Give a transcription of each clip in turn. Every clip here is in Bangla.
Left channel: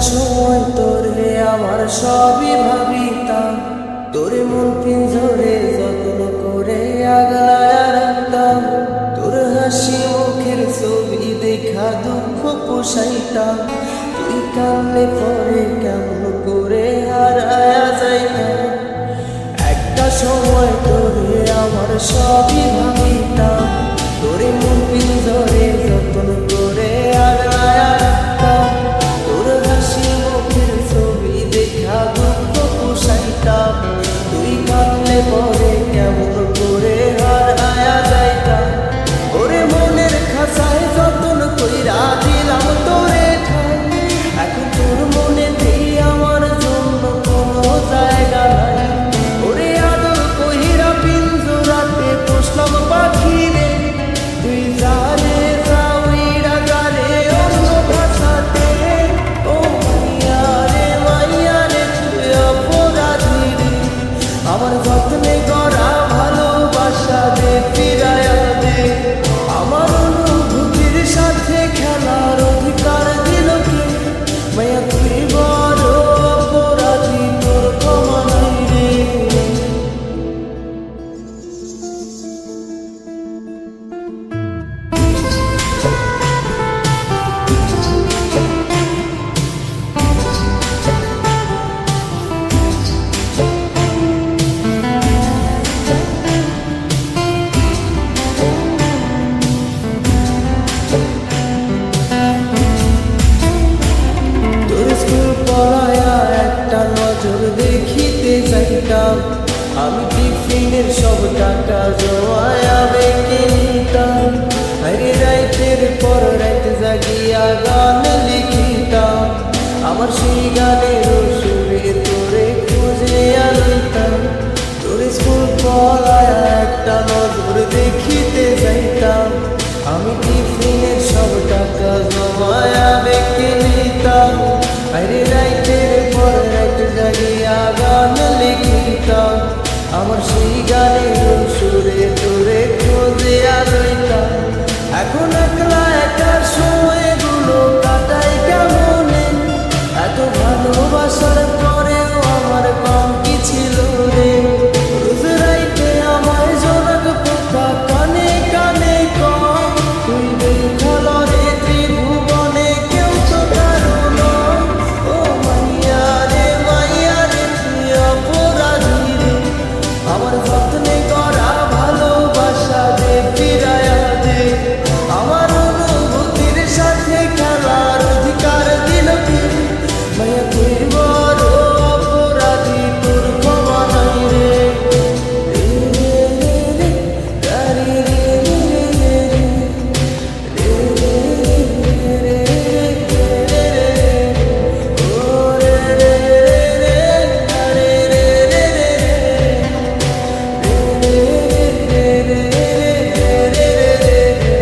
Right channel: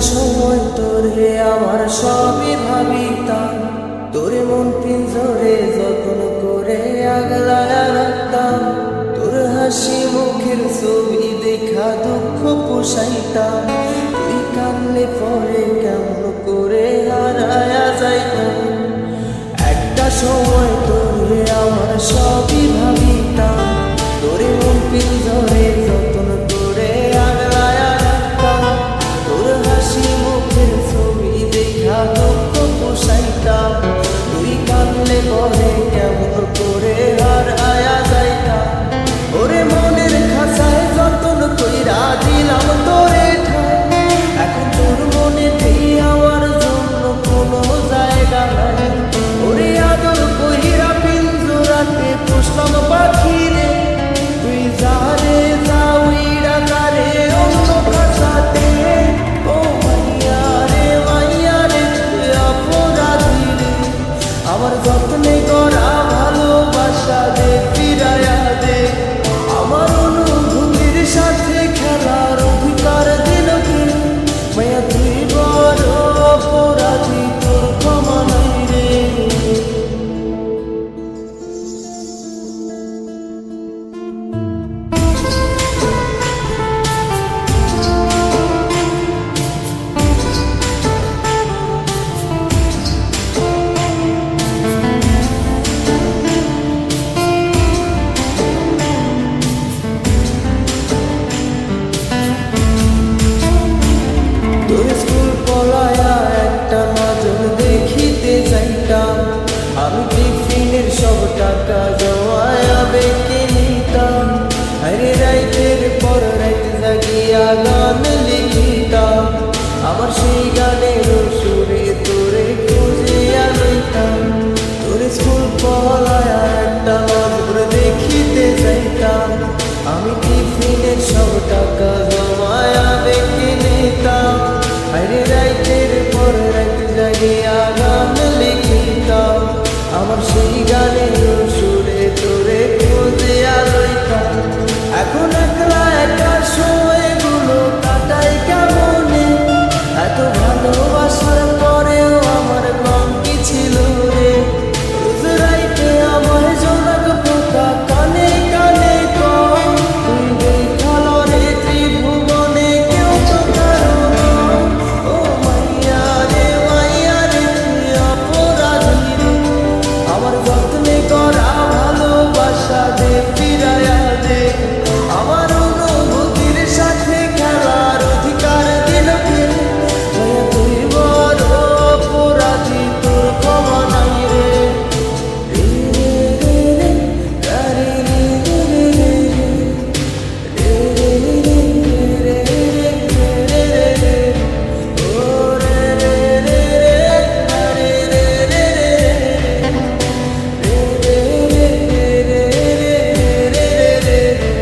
সময় তোরে আমার সবই ভাবিতাম, তোরে মন পিঞ্জরে যত্ন করে আগলায়া রাখতাম। তোর হাসি মুখের ছবি দেখা দুঃখ পোষাইতাম, তুই কানলে পরে কেমন করে হারায়া যাইতাম। একটা সময় তোরে আমার সবই ভাবিতাম, তোরে মন পিঞ্জরে যত্ন করে আগলায়া রাখতাম। তোর হাসি মুখের ছবি দেখা দুঃখ পোষাইতাম, তুই কানলে পরে কেমন করে হারায়া যাইতাম। ওরে মনের খাঁচায় যতন কইরা দিলাম তোরে ঠাই, এখন তোর মনেতেই আমার জন্য কোনো জায়গা নাই। ওরে আদর কইরা পিঞ্জরাতে পোষলাম পাখি রে, তুই যারে যাওইরা যারে অন্য খাঁচাতে। ও মাইয়া রে তুই অপরাধী রে, আমার যত্নে করা ভালোবাসা দে ফিরায়া দে। আমার অনুভূতির সাথে খেলার অধিকার দিল কে? মায়া তুই বড় অপরাধী, তোর ক্ষমা নাই রে। তোর স্কুল পলায়া একটা নজর দেখিতে যাইতাম, আমি টিফিনের সব টাকা জমায়া বেঁকে নিতাম। আরে রাইতের পর রাইত জাগিয়া গান লিখিতাম, আমার সেই গানের সুরে তোরে খুঁজে আনিতাম। তোর স্কুল পলায়া একটা নজর দেখিতে যাইতাম, আমি টিফিনের সব টাকা জমায়া বেঁকে নিতাম। আরে রাইতের পর রাইত জাগিয়া গান লিখিতাম, আমার সেই গানের সুরে তোরে খুঁজিয়া লইতাম। এখন একলা একার সময়গুলো কাটাই কেমনে, এত ভালোবাসার পরেও আমার কম কি ছিল রে। রোজ রাইতে আমায় জোনাক পোকা কানে কানে কম, তুই দেখাল রে ত্রিভুবনে কেউ তো কারো নয়। ও মাইয়া রে তুই অপরাধী রে, আমার যত্নে করা ভালোবাসা দে ফিরায়া দে। আমার অনুভূতির সাথে খেলার অধিকার দিল কে? মায়া তুই বড় অপরাধী, তোর ক্ষমা নাই রে। রে রে রে গারি রে রে রে রে রে রে রে রে রে রে ও রে রে রে রে গারি রে রে রে রে রে রে রে রে রে রে।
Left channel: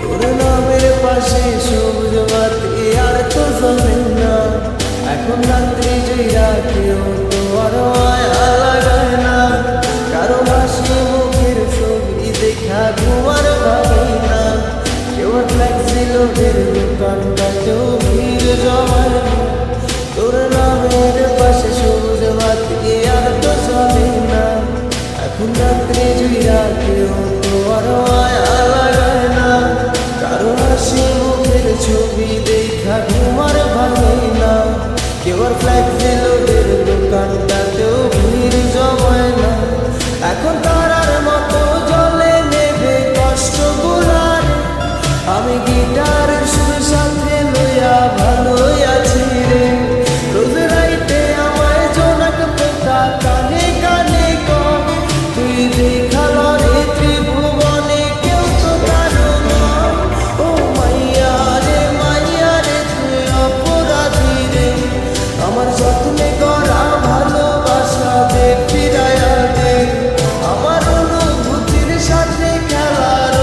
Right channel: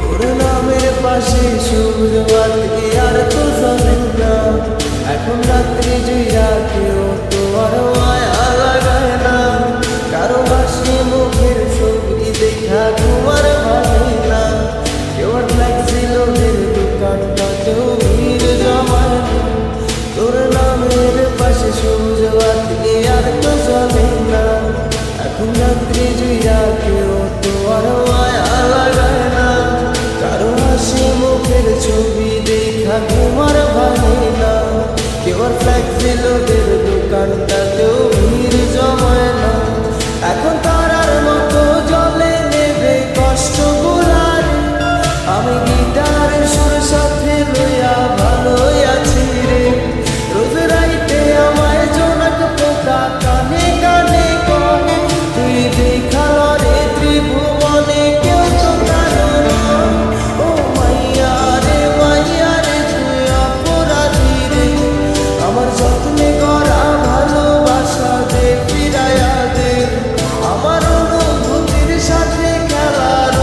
তোর নামের পাশে সবুজ বাতি আর তো জ্বলে না, এখন রাত্রি জয়রা কেউ তো আর মায়া লাগায় না। কারো হাসি মুখের ছবি দেখা ঘুমার ভাগে না, কেউ আর ফ্লেক্সি লোডের দোকানটাতেও ভিড় জমায় না। তোর নামের পাশে সবুজ বাতি আর তো জ্বলে না, এখন রাত্রি জয়রা কেউ তো আর মায়া লাগায় না। কারো হাসি মুখের ছবি দেখা ঘুমার ভাঙে না, কেউ আর ফ্লেক্সি লোডের দোকানটাতেও ভিড় জমায় না। এখন তারার মতো জলে নেবে কষ্ট গুলারে, আমি গিটারের সুর সাথে লইয়া ভালোই আছি রে। রোজ রাইতে আমায় জোনাক পোকা কানে কানে কর, তুই দেখাল রে ত্রিভুবনে কেউ তো কারো নয়। ও মাইয়া রে তুই অপরাধী রে, আমার যত্নে করা ভালোবাসা দে ফিরায়া দে। আমার অনুভূতির সাথে খেলার